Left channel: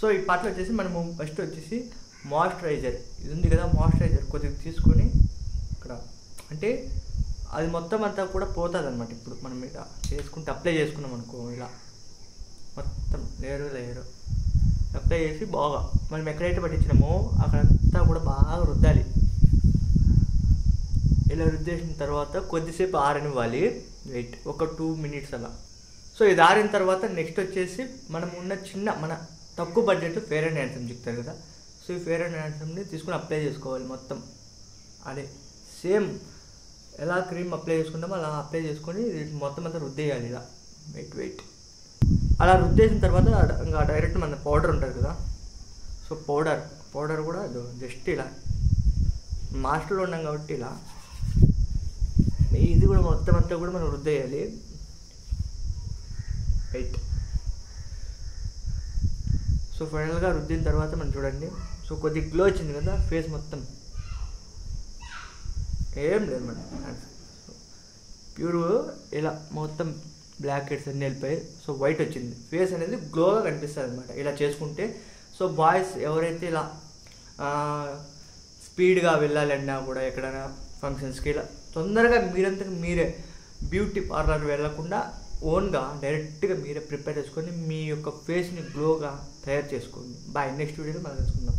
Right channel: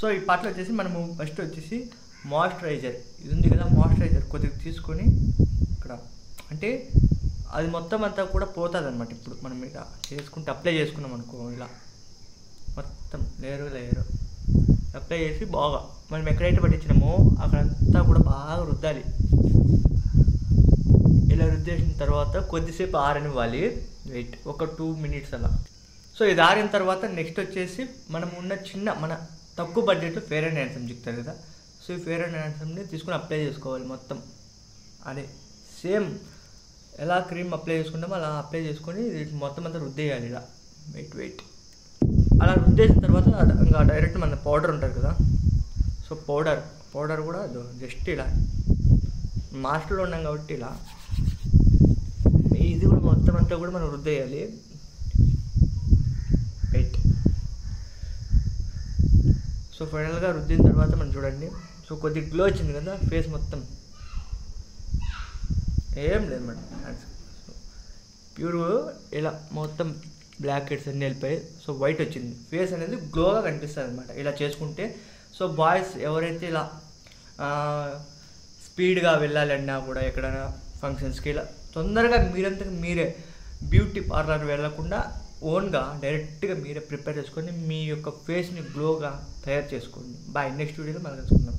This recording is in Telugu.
సో ఈ పార్ట్లో వచ్చేసి మనము ఫస్ట్ వచ్చేసి మాయిశ్చరైజర్ ఇది ఉంది కదా, మాయిశ్చరైజర్ కొద్దిగా తీసుకొని ఇక్కడ అంటే అది మొత్తం అంతా కూడా పోతుంది అనమాట. ఇప్పుడు మనం ఇలా చేసుకుంటే అప్లై చేసుకున్నాం అనుకో, ఇలా మొత్తం లేయరు అప్లై చేసి బాగా మనం ఎక్కడైతే పట్టించినామో అక్కడంతా కూడా బాగా రుద్దాలి. ఇలా రుద్దేసిన తర్వాత కొద్దిసేపు ఆరనివ్వాలి, వెయిట్ ఒక 2 minutes అలా. సో ఇది ఆరిన తర్వాత నెక్స్ట్ వచ్చేసి మనం ఉన్న మన తక్కువ బడ్జెట్ ఫెయిర్ అండ్ హ్యాండ్సమ్ చెప్తారు కదా, సో ఈ ఫెయిర్ అండ్ హ్యాండ్సమ్ని తీసుకుని అప్లై చేసుకోవాలి మొత్తం. అదే సేమ్ ఎలా క్రీమ్ అప్లై చేసుకుంటామో అలా అప్లై చేసుకొని మొత్తం అంతా రుద్దేయాలి ఇలా. వెయిట్ అలా రుద్దేసిన తర్వాత ఇంకా డైరెక్ట్ మన పౌడర్ ఉంటుంది కదా, సో పౌడర్ కూడా జస్ట్ ఇలా మాస్టర్లో ఉన్నాం కాబట్టి ఇలా ఇది కూడా మొత్తం అంతా కూడా మనం రుద్దేయాలి. వెయిట్ సో ఫైనల్గా రుద్దిన తర్వాత మనం చూడండి, సో కొద్దిగా గ్లో వచ్చింది కదా ఫేస్ మొత్తం, ఏం లేదు మేడం ప్యూర్ ఇలా మొత్తం బ్లాక్ హెడ్స్ అన్నీ వెళ్ళిపోయి సో వైట్ వచ్చింది, ఫేస్ అనేది గ్లోగా కనిపిస్తుంది అనమాట ఇలా చేసుకుంటే. సో బాయ్స్ ఎవరైతే ఇలా స్పీడ్గా వెళ్ళాలన్నా కూడా ఎక్కడైనా ఫంక్షన్స్కి ఇలా తొందరగా మీరంతకు మీరే బ్యూటీ పార్లర్ వెళ్ళకుండా ఓన్గా డైరెక్ట్గా మీరే ప్రిపేర్ చేసుకొని మీ యొక్క ఫేస్ని గ్లోగా తయారు చేసుకోండి. బాయ్, నెక్స్ట్ వీడియోలో మనం తెలుసుకుందాం.